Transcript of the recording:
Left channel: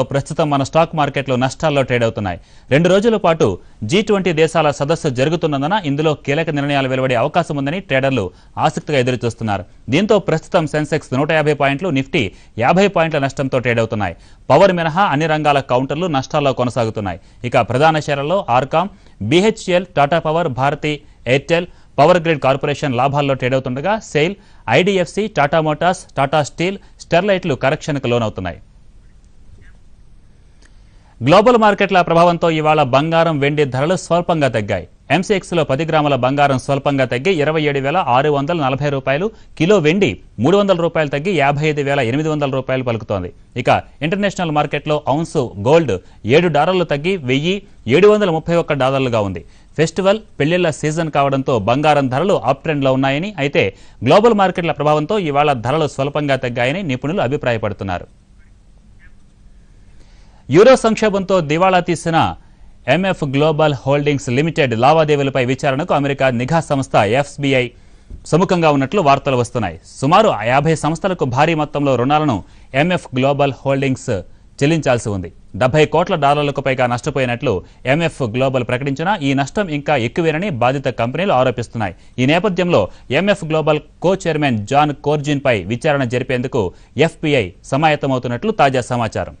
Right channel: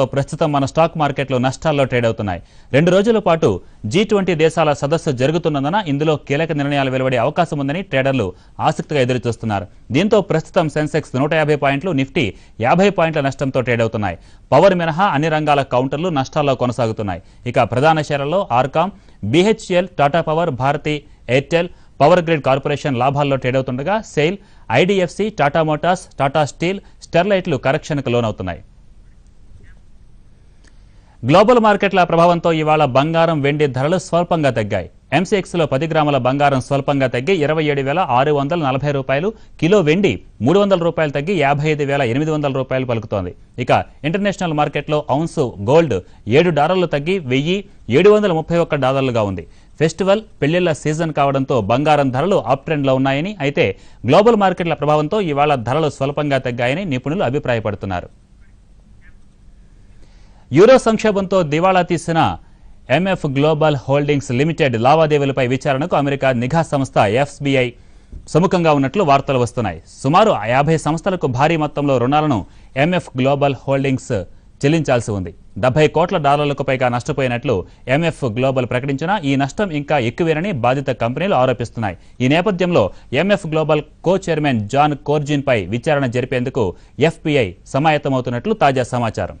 ప్రస్తుతం మన స్టాక్ మార్కెట్లు నష్టాల్లో ట్రేడ్ అవుతున్నాయి. 2 రోజుల పాటు G20 దేశాల సదస్సు జరుగుతున్నందున ఇందులో కీలక నిర్ణయాలు వెలువడే అవకాశం ఉందని ట్రేడర్లు ఆసక్తిగా ఎదురుచూస్తున్నారు. దీంతో ప్రస్తుతం సెన్సెక్స్ 150 పాయింట్లు, నిఫ్టీ 50 పాయింట్ల నష్టంతో ట్రేడ్ అవుతున్నాయి. పవర్ మినహా అన్ని రంగాల కౌంటర్లు నష్టాల్లో కొనసాగుతున్నాయి. ఇక ప్రధాన షేర్లలో RCom, BHEL, Tata power, Bharti Airtel, power grid corporation లాభాల్లో ట్రేడ్ అవుతుండగా SAIL, IDFC, Tata motors, Tata steel, స్టెర్లైట్లు కరెక్షన్కు లోనవుతున్నాయి. గ్లోబల్ మార్కెట్ల ప్రభావంతో ఇవాళ బంగారం, వెండి ధరలు స్వల్పంగా తగ్గాయి. MCX లో 10 గ్రాముల బంగారం స్వల్పంగా తగ్గి 27,640 రూపాయలు, కిలో వెండి 300 రూపాయలు తగ్గి 55,800 రూపాయలు పలుకుతోంది. ఇక ఇంటర్నేషనల్ మార్కెట్లో ఔన్సు గోల్డ్ $7 తగ్గి $1,731 ఉంది. ఫెస్టివల్, పెళ్లిళ్ల సీజన్ కావడంతో బంగారం ధరలు అప్ ట్రెండ్ లో ఉన్నాయని, అయితే గ్లోబల్ మార్కెట్ల ప్రభావంతో ఇవాళ ధరలు స్వల్పంగా తగ్గాయని నిపుణులు అభిప్రాయపడుతున్నారు. యూరో సంక్షోభంతో దివాళా తీసిన MF గ్లోబల్ హోల్డింగ్స్ లిమిటెడ్ లావాదేవీలపై విచారణకు అమెరికా నిఘా సంస్థ FBI సుముఖంగా ఉన్నట్లు వార్తలు వస్తున్నాయి. సుమారు 50 సంస్థలకు భారీ మొత్తంలో రుణాలను MF గ్లోబల్ హోల్డింగ్స్ చెల్లించాల్సి ఉంది. $70 కోట్ల పైగా నష్టపోయినట్లు MF గ్లోబల్ ప్రకటించినా ఈ నష్టం ఇంకా ఎక్కువేనని బాధిత కంపెనీలు ఆరోపిస్తున్నాయి. ఈ నేపథ్యంలో MF global co chairman Jon Corzine పై విచారణ జరిపేందుకు FBI సమాయత్తమవుతున్నట్లు తాజా సమాచారం.